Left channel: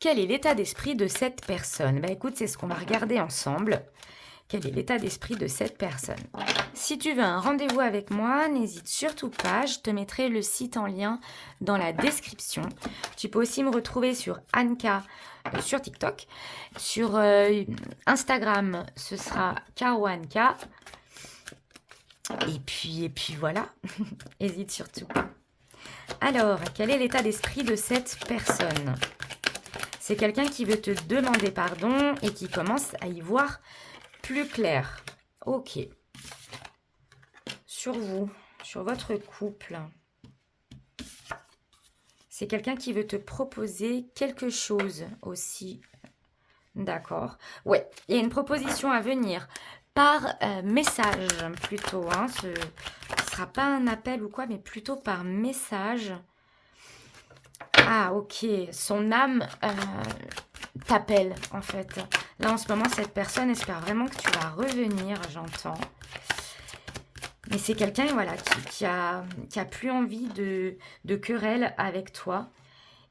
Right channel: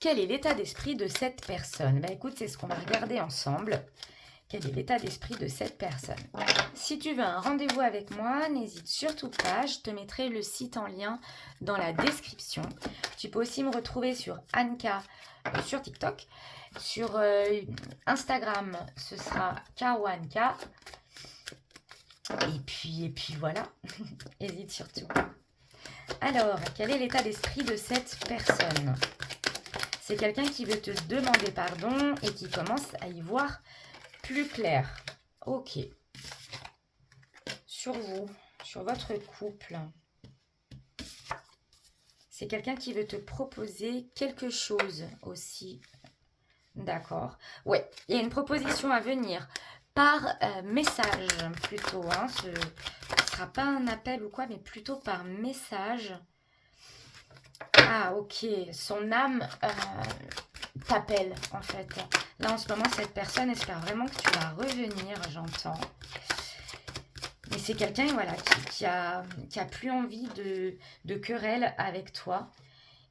Quel est l'état d'esprit de cette personne? Bah écoute, c'est ce qu'on va regarder ensemble. Quel est l'état d'esprit de cette personne? Si tu veux un rendez-vous avec moi, n'hésite surtout pas. Je te mettrai le site en lien dans la description. Tu peux aussi me retrouver sur Anka sur TikTok. Sur Instagram, ce sera Caro Anka. Et puis voilà. Hésite surtout. Alors, quel est l'état d'esprit de cette personne? C'est quelqu'un qui veut te demander pardon et qui commence à y voir plus clair. Ok. Sur vous, sur votre couple. C'est quelqu'un qui veut te proposer quelque chose aussi. D'accord. Ouais, il y a une proposition à venir par message plutôt. Hein. Ce ne sera pas un appel ou quoi, mais plutôt par message. Ah, ok. Son âme t'appelle, en fait. Là, en ce moment, cette personne espère vraiment que tu vas revenir, j'entends. Mais c'est quelqu'un, voilà, qui a plus envie de querelle avec toi,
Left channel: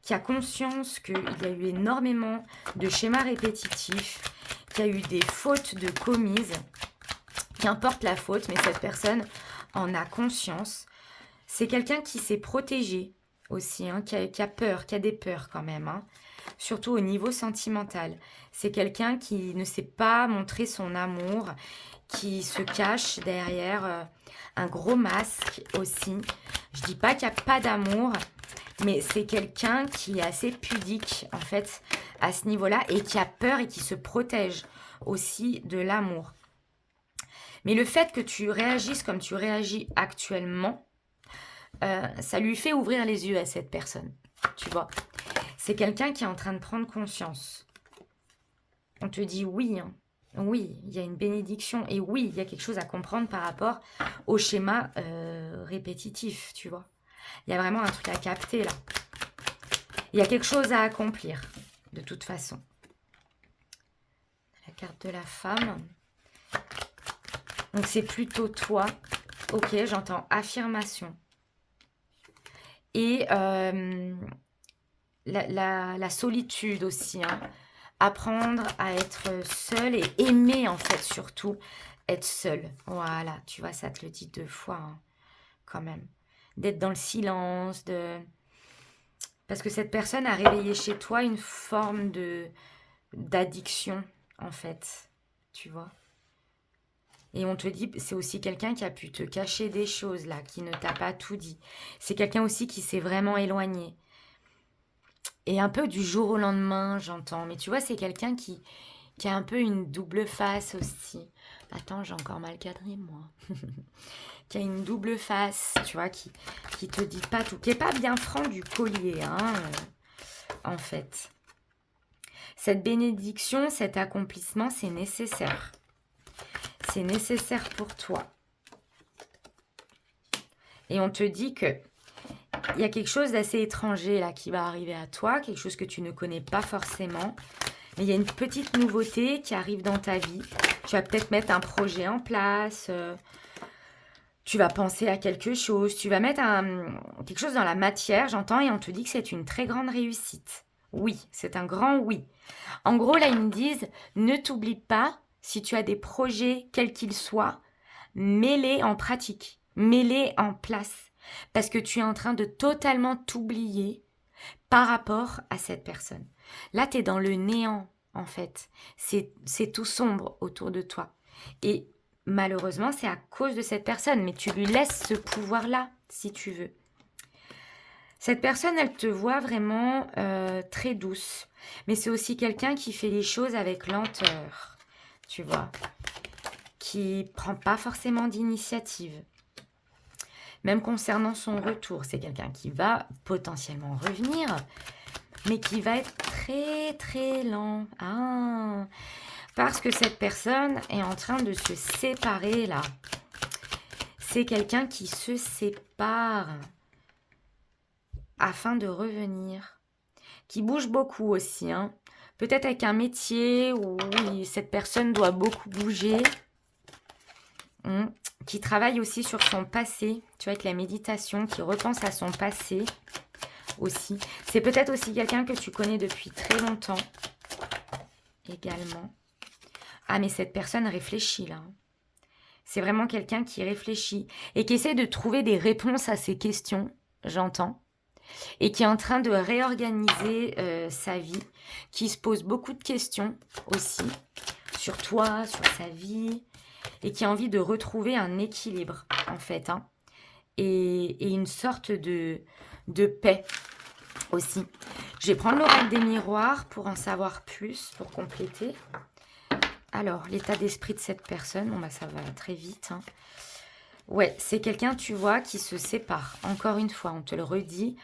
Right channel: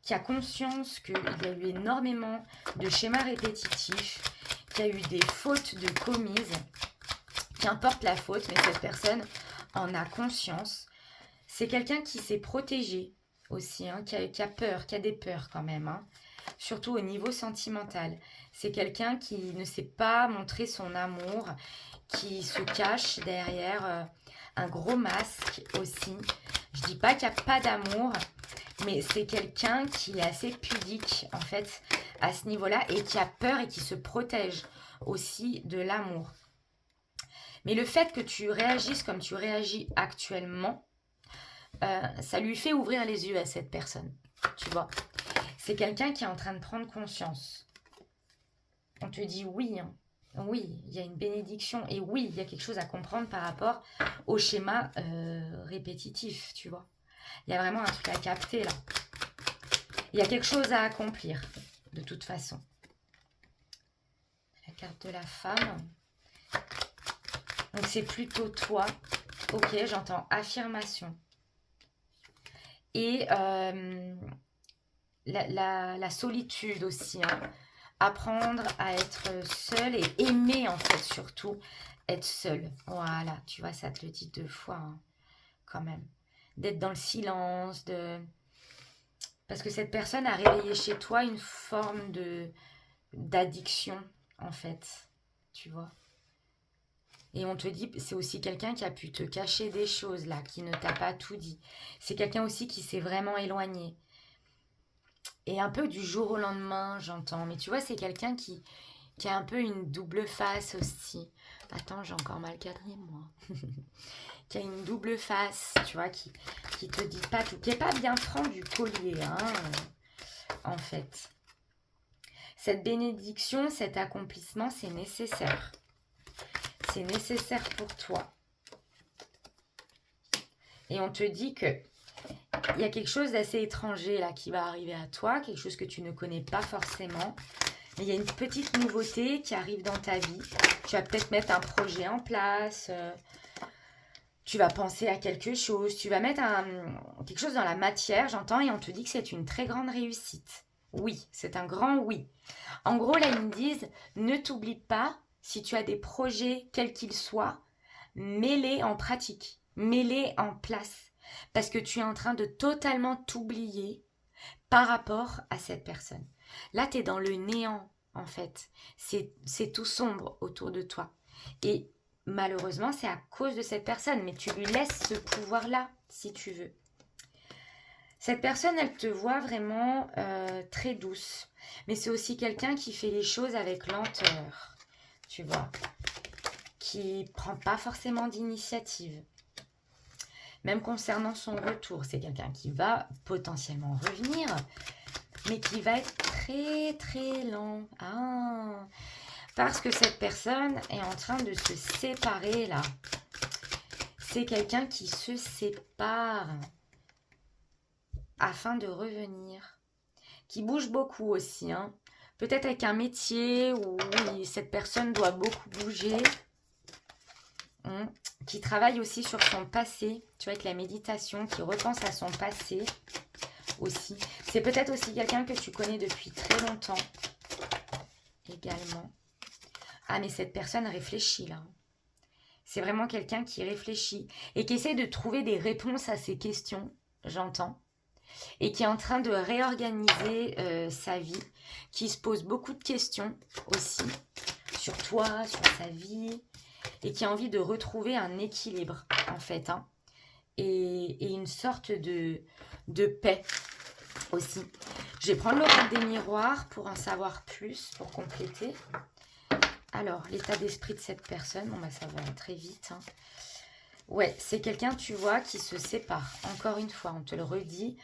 qui a conscience qu'il y a eu énormément de schémas répétitifs, qu'il y a eu des fautes de commises. Qu'importe la faute, mais cette personne en a conscience. C'est quelqu'un qui s'est protégé aussi, hein, qui a peur, qui a des peurs quand même, hein, surtout au niveau sentimental. C'est quelqu'un qui ne sait pas montrer son amour, qui se cache derrière un gros masque aussi. Je dis pas qu'il n'y a pas d'amour, mais c'est quelqu'un qui est assez pudique en fait à ce niveau-là et qui a peur et qui se protège aussi de l'amour. Mais le fait que tu réagisses comme tu réagis actuellement, ça lui fait ouvrir les yeux à cette personne. Tu vois, c'est quelqu'un qui est en train de prendre conscience. On te dit oui, hein. Oui, il y a une bénédiction et oui, il y a quelque chose à comprendre par rapport au schéma répétitif, tu vois. Il y a vraiment un truc à capter là. Il y a quelque chose à accomplir, de toute façon. La carte de la femme. Donc c'est plutôt toi. Ok, j'entends affirmation. Et la solitude aussi. Hein. Apprendre à être seul et aimer en fait surtout être seul. Voilà, tu vois, ça te le dit 2 fois hein, quand même. D'être dans le silence, parce que cette personne a réveillé chez toi une forme d'addiction en fait, tu vois. Et on te dit, c'est aussi quelqu'un qui a pu te cacher des choses là, qui ne t'a pas tout dit. C'est quelqu'un aussi qui s'est vraiment éloigné. Et un peu du jour au lendemain, j'entends. Mais tu vois, c'est quelqu'un qui a un peu une double face aussi. Attends, j'ai encore mal cadré, moi. Qui a une double face, tu vois, qui te dit pas tout. Qui n'est pas bien franc du collier, hein, en fait. Cette bénédiction, cet accomplissement, c'est nécessaire. C'est nécessaire pour toi. Et on te dit que il y a quelque chose d'assez étranger là qui va arriver à toi, quelque chose que tu ne connais pas forcément. Mais il y a une petite nouveauté qui arrive dans ta vie. Tu vas peut-être mettre un projet en place. Tu vas penser à quelque chose. Tu vas mettre quelque chose dans la matière, j'entends, et on te dit que c'est une très grande réussite. Oui, c'est un grand oui. En gros, là, ils me disent, ne t'oublie pas, si tu as des projets, quels qu'ils soient, mets-les en pratique, mets-les en place. Parce que tu es en train de totalement t'oublier par rapport à cette personne. Là, tu es dans le néant, en fait. C'est tout sombre autour de toi. Et malheureusement, c'est à cause de cette personne. Mais tu lui laisses ce pouvoir-là, si tu veux. Cette personne, elle te voit vraiment très douce. Mais c'est aussi quelqu'un qui fait les choses avec lenteur. Tu vois. Qui prend pas forcément d'initiative. Même concernant son retour, c'est quelqu'un qui va potentiellement revenir, mais qui va être très très lent. Ah, parce que cette personne est en train de se séparer là. C'est quelqu'un qui se sépare afin de revenir. Qui bouge beaucoup aussi. Hein. Peut-être avec un métier où cette personne doit beaucoup bouger. Qui travaille aussi sur son passé, tu vois, avec la méditation, qui repense à son passé. aussi. C'est peut-être aussi quelqu'un que tu connais depuis très longtemps également. Ah, mais cette personne réfléchit là. C'est vraiment quelqu'un qui réfléchit et qui essaie de trouver des réponses à ses questions, j'entends, et qui est en train de réorganiser sa vie, qui se pose beaucoup de questions aussi sur toi, sur sa vie, et qui a envie de retrouver un équilibre en fait, hein, et une sorte de paix aussi. Je vais prendre l'oracle des miroirs pour en savoir plus, pour compléter. Alors, l'état d'esprit de cette personne, bon bah ça va très vite, hein. Ouais, c'est quelqu'un, tu vois, qui se sépare. Encore une fois, on te le redit.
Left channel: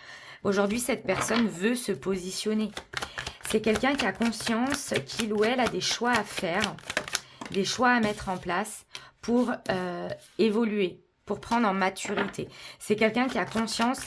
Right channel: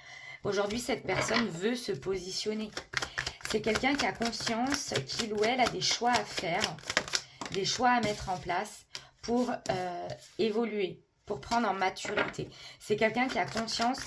Aujourd'hui, cette personne veut se positionner. C'est quelqu'un qui a conscience qu'il ou elle a des choix à faire, des choix à mettre en place pour évoluer, pour prendre en maturité. C'est quelqu'un qui a conscience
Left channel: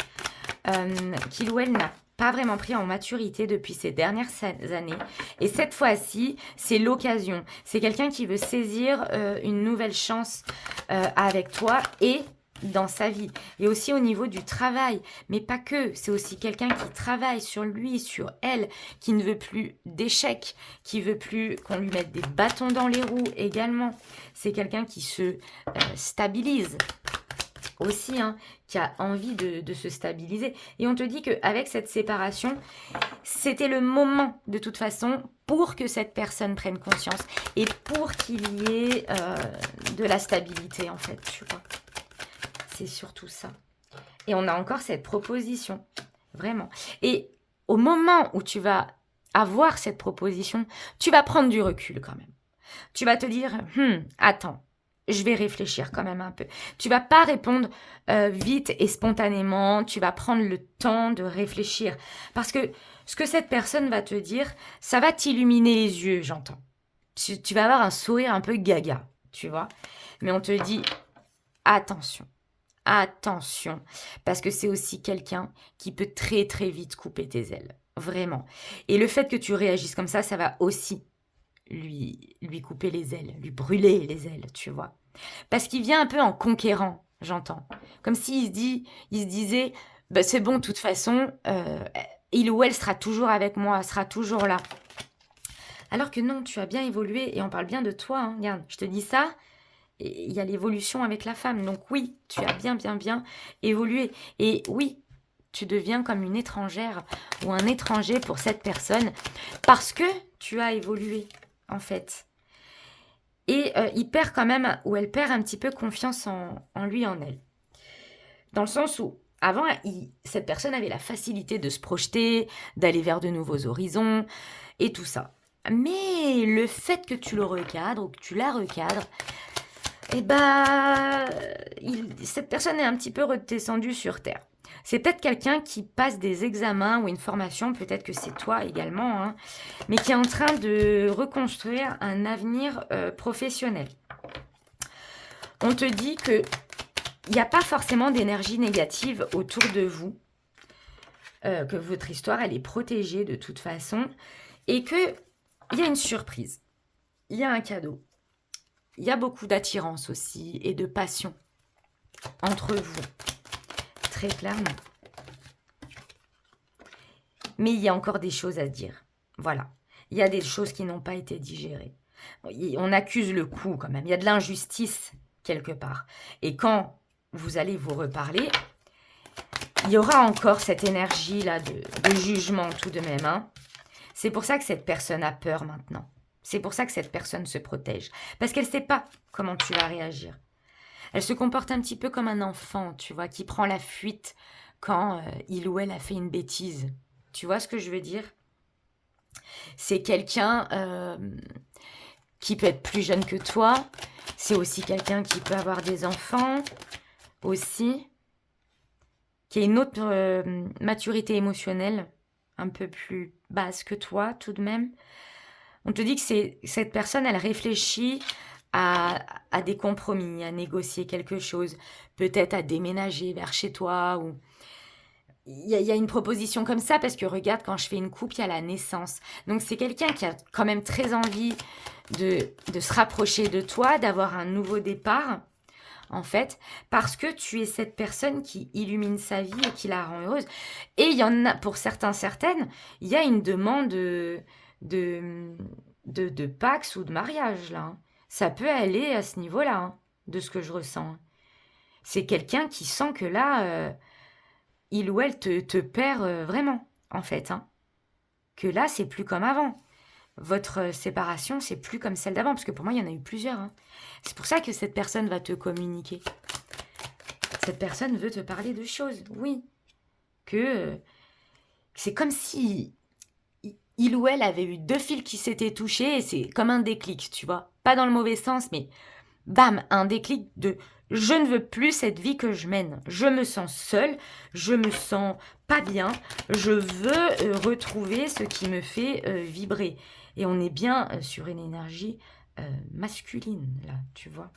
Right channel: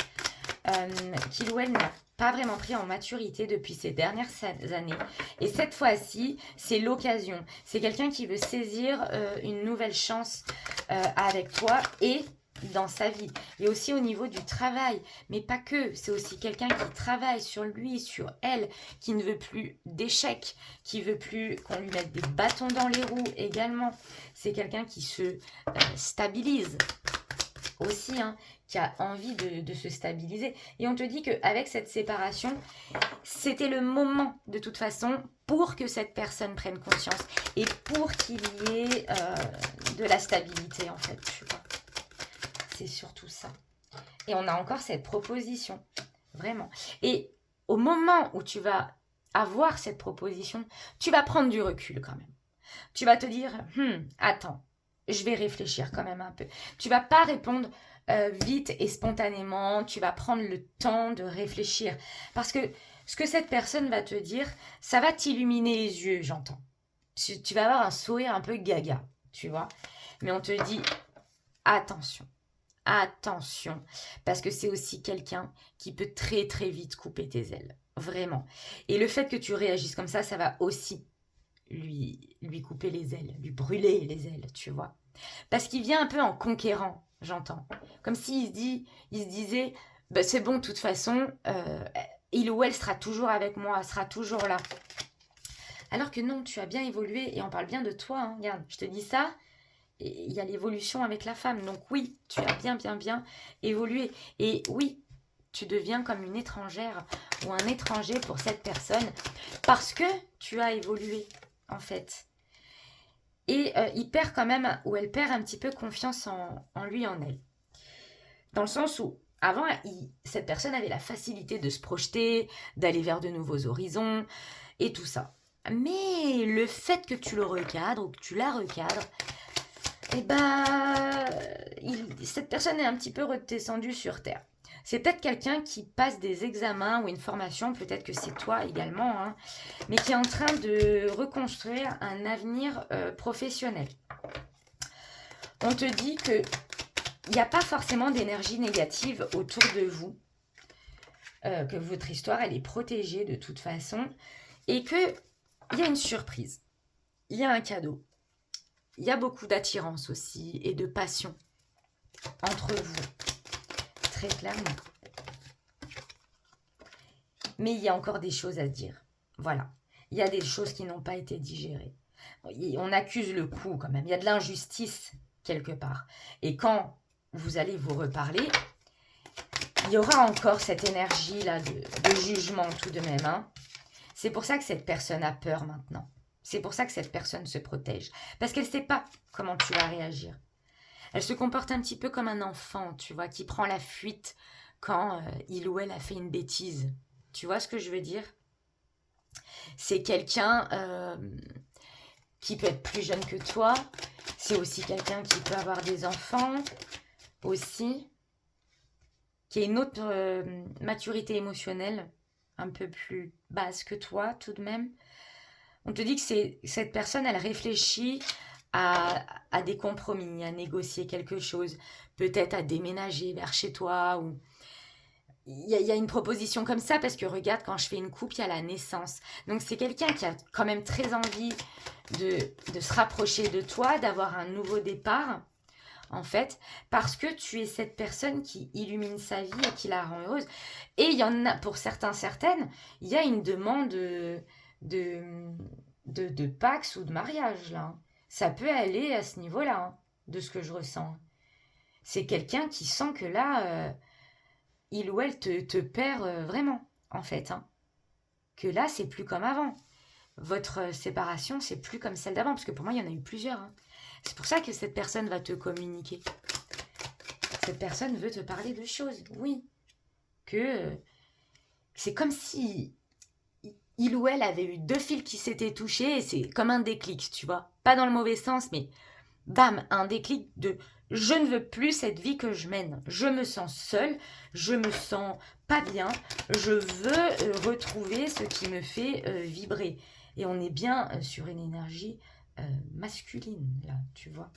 qu'il ou elle n'a pas vraiment pris en maturité depuis ces dernières années. Et cette fois-ci, c'est l'occasion. C'est quelqu'un qui veut saisir une nouvelle chance avec toi et dans sa vie. Et aussi au niveau du travail. Mais pas que. C'est aussi quelqu'un qui travaille sur lui, sur elle, qui ne veut plus d'échecs, qui veut plus qu'on lui mette des bâtons dans les roues également. C'est quelqu'un qui se stabilise aussi, hein, qui a envie de se stabiliser. Et on te dit qu'avec cette séparation, c'était le moment de toute façon pour que cette personne prenne conscience et pour qu'il y ait de la stabilité en fait, tu vois. C'est surtout ça. Et on a encore cette proposition, vraiment. Et au moment où tu vas avoir cette proposition, tu vas prendre du recul quand même. Tu vas te dire, attends, je vais réfléchir quand même un peu. Tu vas pas répondre vite et spontanément. Tu vas prendre le temps de réfléchir. Parce que ce que cette personne va te dire, ça va t'illuminer les yeux, j'entends. Tu vas avoir un sourire un peu gaga, tu vois. Mais on te dit, attention. Attention, parce que c'est aussi quelqu'un qui peut très très vite couper tes ailes, vraiment. Et le fait que tu réagisses comme ça va aussi lui couper les ailes, lui brûler les ailes, tu vois. Parce qu'il vient un peu en conquérant, j'entends. Comme s'il se disait, bah, c'est bon, de toute façon, il ou elle sera toujours avec moi, sera toujours là. Alors que non, tu as bien évolué et on parle bien de toi, hein. Regarde, je te dis ça. Et il y a l'évolution avec la femme. Donc oui, tu as bien évolué. Et oui, tu deviens comme une étrangère ou un étranger pour cette personne parce que tu as évolué, en fait. Et il perd quand même, ou elle perd un petit peu confiance en lui, en elle. Dans le sens où, avant, cette personne avait la facilité de se projeter, d'aller vers de nouveaux horizons et tout ça. Mais le fait que tu le recadres ou que tu la recadres, et cette personne est un petit peu redescendue sur Terre. C'est peut-être quelqu'un qui passe des examens ou une formation, peut-être que c'est toi également, hein, mais qui est en train de reconstruire un avenir professionnel. On te dit qu'il n'y a pas forcément d'énergie négative autour de vous, que votre histoire, elle est protégée de toute façon, et qu'il y a une surprise, il y a un cadeau. Il y a beaucoup d'attirance aussi et de passion entre vous, très clairement. Mais il y a encore des choses à dire. Voilà. Il y a des choses qui n'ont pas été digérées. On accuse le coup quand même. Il y a de l'injustice quelque part. Et quand vous allez vous reparler, il y aura encore cette énergie-là de jugement tout de même, hein. C'est pour ça que cette personne a peur maintenant. C'est pour ça que cette personne se protège. Parce qu'elle ne sait pas comment tu vas réagir. Elle se comporte un petit peu comme un enfant, tu vois, qui prend la fuite quand il ou elle a fait une bêtise. Tu vois ce que je veux dire? C'est quelqu'un qui peut être plus jeune que toi. C'est aussi quelqu'un qui peut avoir des enfants aussi. Qui a une autre maturité émotionnelle un peu plus basse que toi tout de même. On te dit que cette personne, elle réfléchit à des compromis, à négocier quelque chose, peut-être à déménager vers chez toi. Ou il y a une proposition comme ça, parce que regarde, quand je fais une coupe, il y a la naissance. Donc c'est quelqu'un qui a quand même très envie de se rapprocher de toi, d'avoir un nouveau départ. en fait, parce que tu es cette personne qui illumine sa vie et qui la rend heureuse. Et il y en a, pour certains, certaines, il y a une demande de, de Pax ou de mariage, là, hein. Ça peut aller à ce niveau-là, hein, de ce que je ressens. C'est quelqu'un qui sent que là, il ou elle te perd vraiment, en fait, hein. Que là, c'est plus comme avant. Votre séparation, c'est plus comme celle d'avant, parce que pour moi, il y en a eu plusieurs, hein. C'est pour ça que cette personne va te communiquer. Cette personne veut te parler de choses, oui. Que c'est comme si il ou elle avait eu deux fils qui s'étaient touchés, et c'est comme un déclic, tu vois. Pas dans le mauvais sens, mais bam, un déclic de je ne veux plus cette vie que je mène. Je me sens seule, je me sens pas bien, je veux retrouver ce qui me fait vibrer. Et on est bien sur une énergie masculine, là, tu vois.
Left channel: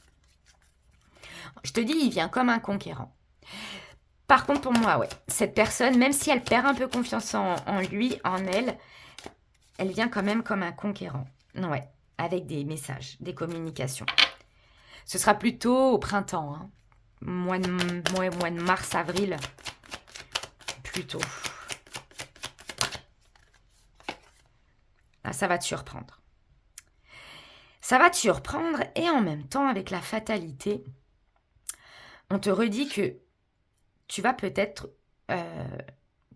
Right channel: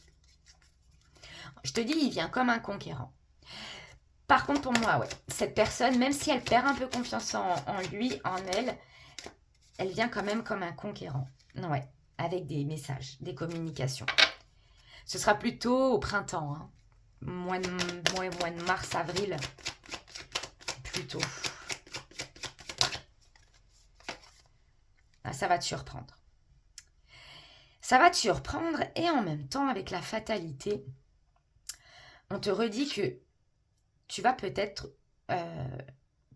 Je te dis, il vient comme un conquérant. Par contre, pour moi, ouais, cette personne, même si elle perd un peu confiance en lui, en elle, elle vient quand même comme un conquérant. Ouais, avec des messages, des communications. Ce sera plutôt au printemps, hein. Mois de mars, avril, plutôt. Là, ça va te surprendre. Ça va te surprendre et en même temps, avec la fatalité, on te redit que tu vas peut-être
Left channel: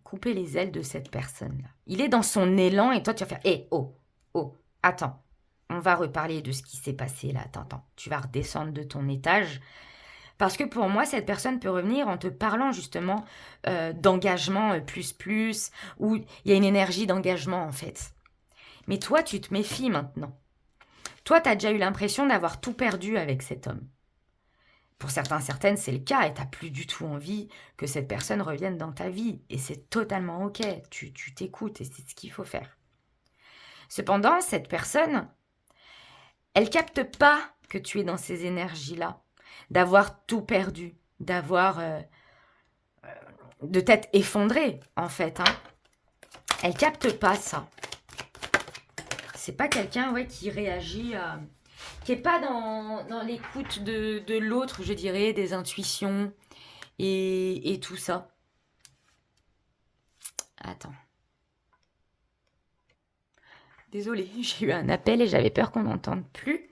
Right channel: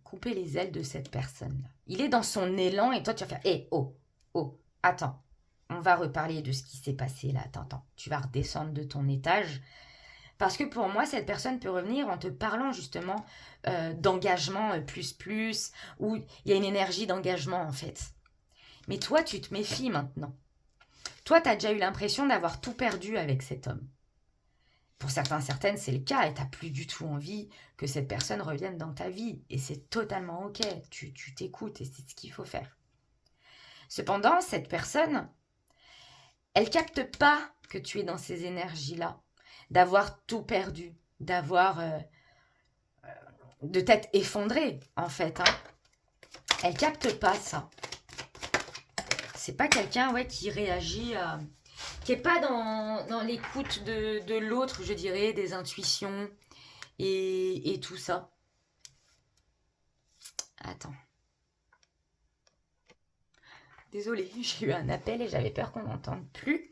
couper les ailes de cette personne-là. Il est dans son élan et toi, tu vas faire « Hé, oh, oh, attends, on va reparler de ce qui s'est passé là. Attends, tu vas redescendre de ton étage. » Parce que pour moi, cette personne peut revenir en te parlant justement d'engagement plus, où il y a une énergie d'engagement en fait. Mais toi, tu te méfies maintenant. Toi, tu as déjà eu l'impression d'avoir tout perdu avec cet homme. Pour certains, certaines, c'est le cas et tu n'as plus du tout envie que cette personne revienne dans ta vie. Et c'est totalement ok, tu t'écoutes et c'est ce qu'il faut faire. Cependant, cette personne, elle capte pas que tu es dans ces énergies-là, d'avoir tout perdu, de t'être effondré en fait, hein. Elle capte pas ça. C'est pas quelqu'un qui réagit, qui est pas dans l'écoute de l'autre, je dirais, des intuitions et tout ça. Attends. Désolée, j'ai eu un appel et j'avais peur qu'on n'entende plus.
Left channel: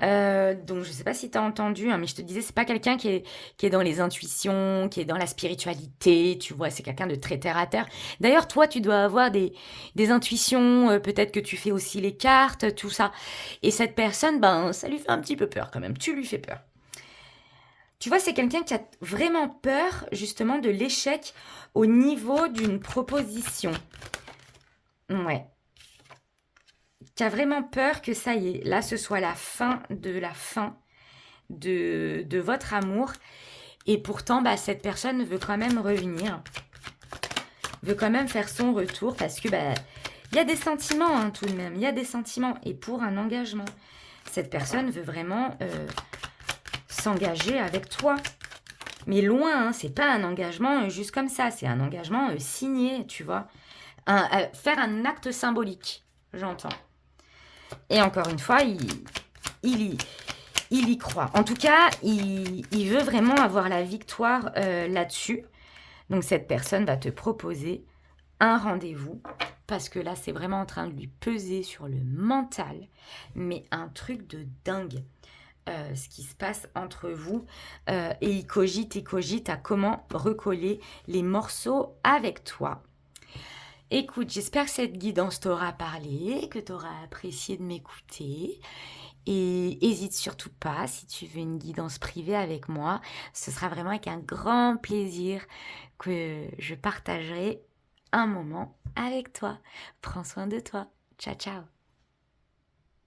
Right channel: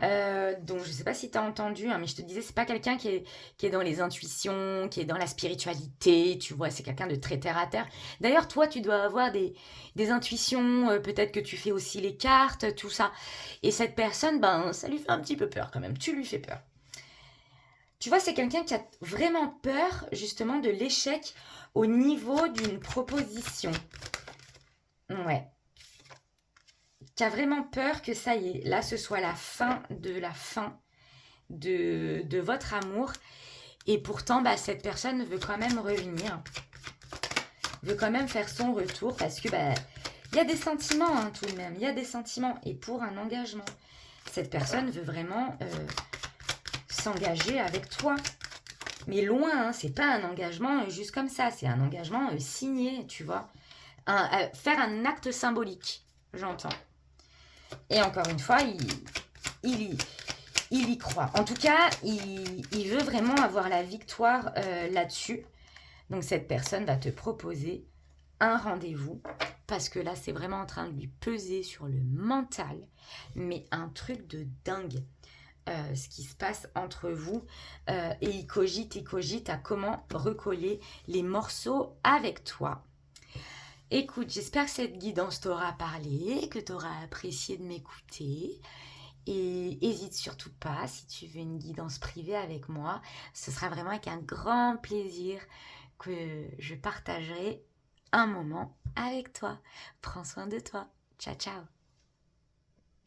Donc je ne sais pas si tu as entendu, hein, mais je te disais, c'est pas quelqu'un qui est dans les intuitions, qui est dans la spiritualité, tu vois, c'est quelqu'un de très terre à terre. D'ailleurs, toi, tu dois avoir des intuitions, peut-être que tu fais aussi les cartes, tout ça. Et cette personne, ben, ça lui fait un petit peu peur quand même, tu lui fais peur. Tu vois, c'est quelqu'un qui a vraiment peur, justement, de l'échec au niveau d'une proposition. Ouais. Qui a vraiment peur que ça y est, là, ce soit la fin de votre amour. Et pourtant, bah, cette personne veut quand même revenir, veut quand même faire son retour parce que bah, y a des sentiments, hein, tout de même. Il y a des sentiments. Et pour un engagement, cette personne veut vraiment s'engager avec toi. Mais loin, hein, c'est pas un engagement juste comme ça. C'est un engagement signé, tu vois. Faire un acte symbolique, j'entends. Et encore une fois, il y croit. En tout cas, il veut vraiment avoir la victoire là-dessus. Donc cette personne va te proposer un rendez-vous. Parce que là, c'est vraiment en train de lui peser sur le mental. Mais un truc de dingue. Ce qui se passe entre vous. Et il cogite à comment recoller les morceaux avec toi. Écoute, j'espère que cette guidance t'aura parlé, que tu auras apprécié de m'écouter. Et n'hésite surtout pas, si tu veux une guidance privée avec moi, ce sera vraiment avec un grand plaisir que je partagerai un moment avec toi. Prends soin de toi. Ciao, ciao.